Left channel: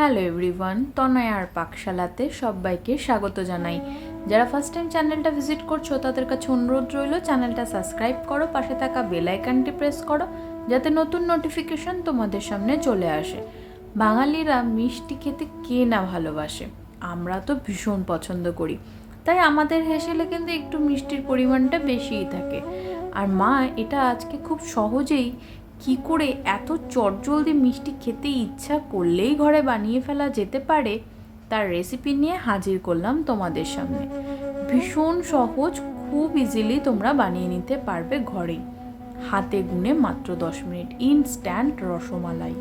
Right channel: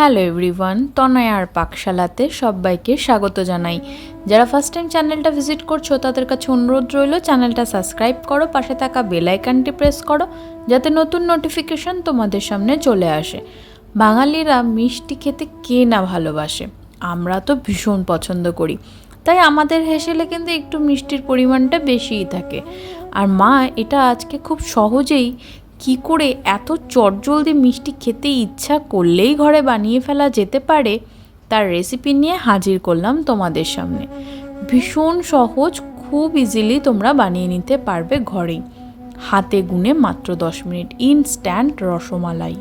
Hello everyone, তনয়ার পাকশালাতে সবাইকে স্বাগত জানাই। যারা ফার্স্ট টাইম চ্যানেলটা ভিজিট করছো তাদের কাছে অনুরোধ রইল চ্যানেলটা সাবস্ক্রাইব করো, পাশে থাকা বেল আইকনটি প্রেস করো যাতে নতুন নোটিফিকেশন তোমাদের সামনে চলে আসে। বাঙালিরা মিষ্টি খেতে কে না ভালোবাসে, আমরা তো ভীষণ পছন্দ করি, তাই আমাদের হেসেলে কিন্তু একটু মিষ্টির পরিমাণটা বেশিই থাকে। আর মা এটা আজকে খুব সহজেই কি করে এত চটজলদি মিষ্টি খেতে ইচ্ছা করলেই ঘরে বানিয়ে ফেলা যেতে পারে তার রেসিপি নিয়ে হাজির করলাম তোমাদের সামনে। ভীষণ সহজ, খুব ইজিলি তোমরা বানিয়ে নিতে পারবে ঘরেই, হাতে গুনে মাত্র 10 মিনিট ইনস্ট্যান্ট রসমালাই।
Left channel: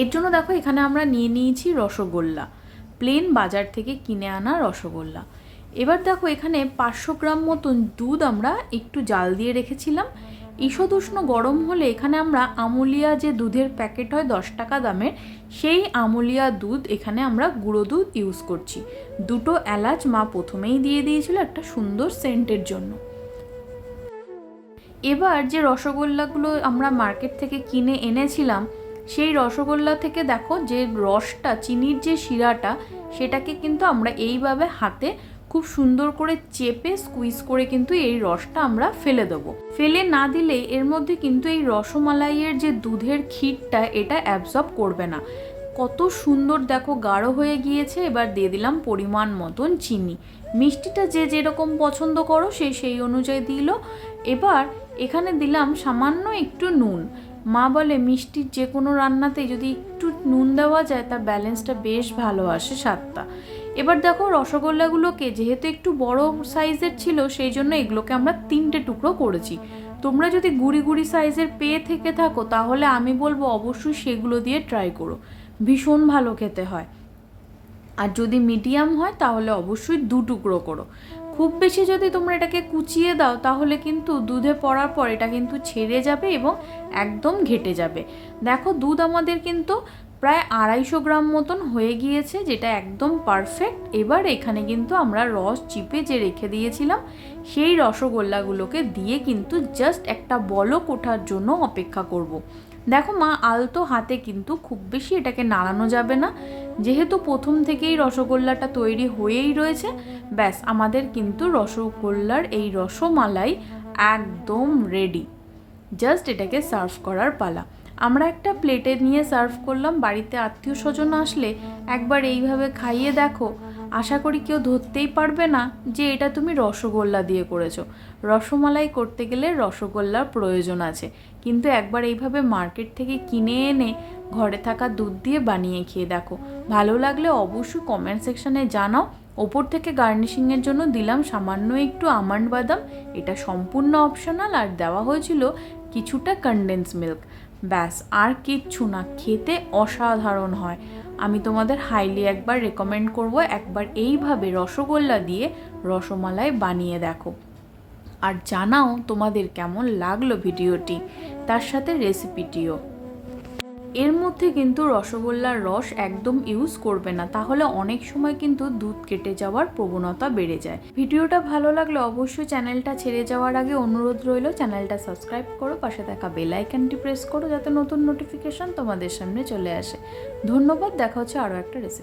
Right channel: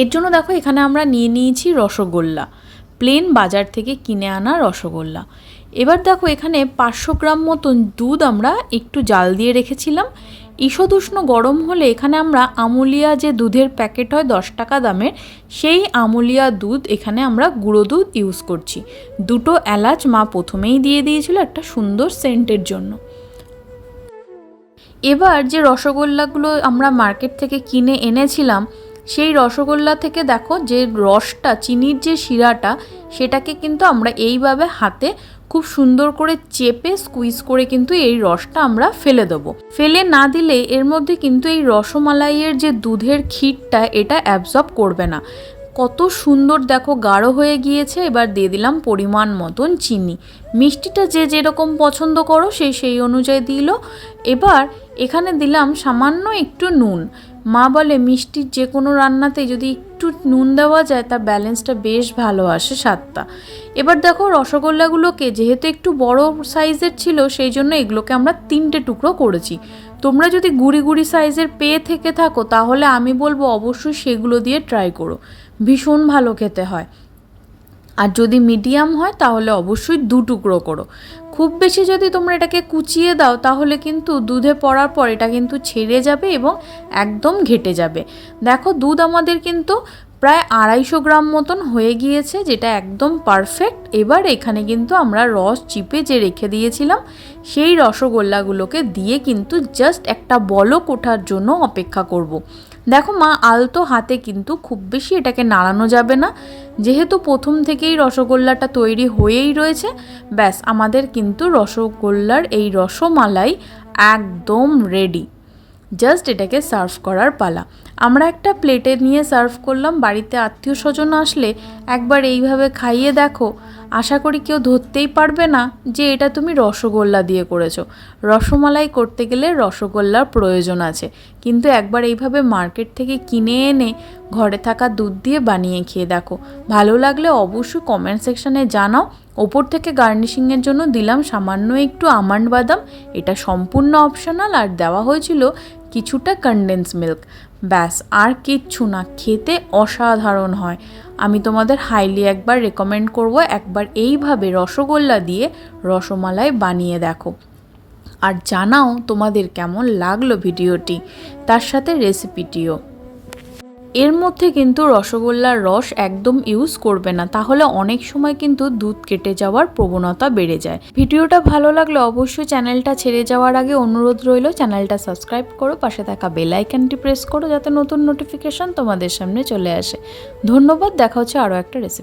এর জন্য দেখো এখানে আমরা নিয়ে নিয়েছি রসগোল্লা, প্লেন বাজার থেকে কিনে আনা রসগোল্লা। এবার দেখো এখানে 500 গ্রাম মতন দুধ আমরা একটু জাল দিয়ে রেখেছিলাম। ঈষদুষ্ণ গরম হলে এখানে আমরা আমুলিয়া যে দুধের প্যাকেট হয় 10 টাকা দামের, সেই আমুলিয়া দুধ এখানে আমরা গুঁড়ো দুধ ইউজ করছি। 2টো এলাচ মা প্রথমেই দিয়ে দিয়েছিল একটা সুন্দর সেন্টের জন্য। এবার যে রসগোল্লাগুলো আমরা মার্কেট থেকে কিনে এনেছিলাম সেই রসগোল্লা থেকে দেখো যে রসটা, চিনির যে শিরাটা, সেটাকে কিন্তু আমরা এইভাবে হাতে খুব সুন্দর করে চেপে স্কুইজ করে কিন্তু এই রসটা আমরা ফেলে দেবো। ফেলে না দিলে এর মধ্যে কিন্তু এই রসমালাইয়ের যে দুধের ক্ষীরটা এটা অ্যাবজর্ব করবে না। কত সুন্দর দেখো গাঢ় হয়ে গিয়েছে। এবার দিয়ে দিলাম পরিমাণ মতন চিনি, মিষ্টিটা যে যেরকম পছন্দ করো সেই অনুযায়ী দিল। এবার এখানে দিলাম সামান্য একটু নুন। মা বলে মিষ্টির যে কোনো রান্নাতেই যদি একটু নুন দেওয়া যায় তার ব্যালেন্সটা বেশ ভালো আসে স্বাদটা। এবার দেখো রসগোল্লাগুলোকে যেহেতু একটু বড় সাইজের ছিল সেই জন্য এগুলোকে আমরা 3টে টুকরো করেছি। তোমরা যদি গুড়ি গুড়ি সাইজের পেয়ে থেকে থাকো তাহলে আমি বলবো অবশ্যই সেগুলো দিয়ে ট্রাই করো, ভীষণ ভালো খেতে হয়। আর যদি মিডিয়াম হয় তাহলে অবশ্যই 2 টুকরো করো। খুব বেশি যদি তোমরা এটাকে কুচিয়ে দাও তাহলে কিন্তু দুধে পড়ার পর এটা কিন্তু ছেড়ে যাবে এবং একদম ঘেটে যাবে। দেখো দুধ আমাদের কিন্তু প্রায় 250 গ্রাম মতন হয়ে গিয়েছে, যেটা একদম পারফেক্ট। এবার এখানে কিন্তু আমরা রস চিপে যে রেখে দিয়েছিলাম সেই রসগোল্লাগুলোকে দিয়ে কিন্তু জাস্ট একটা বলক ওঠার জন্য অপেক্ষা করব। দেখো মা আলতো হাতে কিন্তু খুব বেশি এটাকে নাড়ানো যাবে না, যেহেতু প্রথম থেকেই রসগোল্লাটা তৈরি হয়েই রয়েছে। ব্যাস আমাদের কিন্তু রসগোল্লার এই রসমালাই একদম রেডি, জাস্ট এটাকে সার্ভ করার পালা। আমরা একটা প্লেটে নিয়ে সার্ভ করলাম। বাড়িতে আত্মীয় স্বজন আসলে একবার এইভাবে খাইয়ে দেখো, আশা করি কেউ ধরতেই পারবে না যে এটা তুমি রসগোল্লা দিয়ে করেছো। রসমালাই করতে গেলে রসগোল্লার প্রয়োজন আছে, কিন্তু একবার এইভাবে মার্কেট থেকে কিনে এনে ঘরে থাকা দুধ দিয়ে বানিয়ে খেয়ে দেখো। ভালো লাগলে অবশ্যই কমেন্ট সেকশানে জানাও। ওপর থেকে গার্নিশিংয়ের জন্য দিলাম সামান্য একটু আমন্ড বাদাম, এটা সম্পূর্ণ অপশনাল। আর দেওয়া হয়েছিল কিছুটা কনডেন্স মিল্ক। ব্যাস আর কিচ্ছু না, খেতে অসাধারণ হয়। আমি তোমাদের হাইলি একবার রেকমেন্ড করব, একবার এইভাবে রসগোল্লা দিয়ে রসমালাই বানিয়ে দেখো। আর জানাও তোমাদের কেমন লাগলো ভিডিওটি, তার সাথে রেসিপিটিও। এর মধ্যে কিন্তু রসগোল্লার রস একদম ইউজ করবে না, তাহলে অনেক সময় কিন্তু দুধ কেটে যাওয়ার প্রবণতা বেড়ে যায়। ভিডিওটা ভালো লাগলে অবশ্যই চ্যানেলটা ছেড়ে যাওয়ার আগে অনুরোধ রইল চ্যানেলটা সাবস্ক্রাইব করো, পাশে থাকা বেল আইকনটি প্রেস করো যাতে নতুন নোটিফিকেশন তোমাদের সামনে চলে আসে। ধন্যবাদ, দেখা হচ্ছে আরও একটা রেসিপি।